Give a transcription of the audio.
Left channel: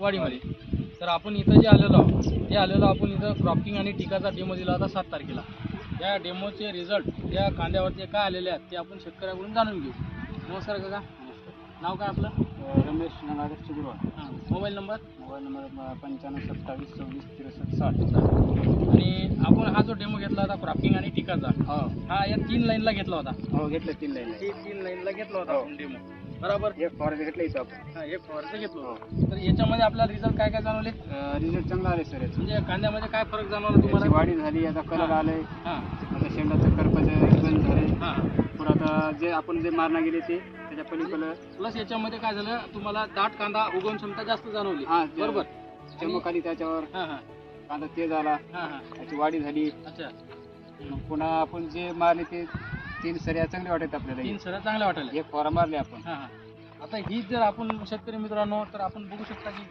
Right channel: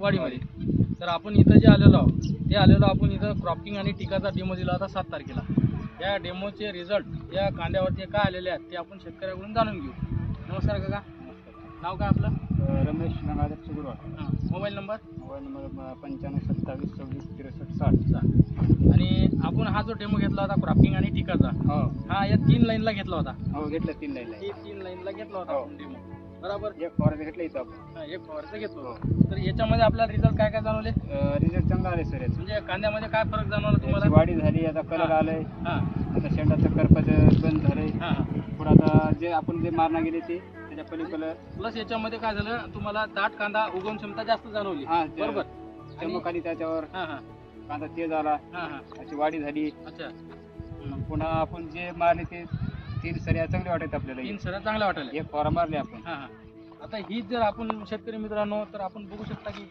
वाडीमध्ये. तर आपण इथं जे आलेलो आहोत ते आपण इथं क्रॉपिंग आणि टिकाचा डेमो दिला होता 7 तारखेला. त्या डेमोचे रिझल्ट या कांद्यावरती काय आलेले आहेत ते आपण शेतकऱ्याकडून जाणून घेऊ. नमस्कार काका. नाव काय आपलं? रमेश नंगाधर चिगुरवाड. हां. Mobile number? Mobile number 95 27 26 63 60. आणि आपण हा जो डेमो घेतला होता क्रॉपिंग आणि टिकाचा, हा या 3 लाईनला घेतला होता. हो घेतलं 3 लाईन. ही 3 लाईनला घेतला होता आपण डेमो. बरोबर. एक फॉर घेतलं इथं आपण. हा, एक फवारणी घेतलो. तर याच्यामध्ये आपल्याला रिझल्ट काय काय जाणवले? रिझल्ट चांगला आले सर. म्हणजे कांद्यामध्ये काय फरक जाणवला तुम्हाला? वाढी झाली, आता कलर आलंय, हां आता शेंडाचं करपाचं बंद झालंय. हां हां. पुढं आता जे आपण जे मारणा गेले ते त्याच्या पलीकडं प्लस याच्यामध्ये काय झालं, तुम्हाला दाट कांदा उगवण क्षमता जास्त जाणवली. हा बरोबर. चमक आली त्याच्यावर, हां हां कांदा तेज आला, हां हां. त्याची वाढी झाली. अच्छा. मग पुन्हा आपण जे मारले ते 3 सऱ्या चांगल्या वाटत आपल्याला. 3 सऱ्या चांगल्या वाटल्या. एक फवारा मारले आपण. हां हां. आता ही जर आपण शेतकरी मित्रांनो, तर आपण बघू शकता की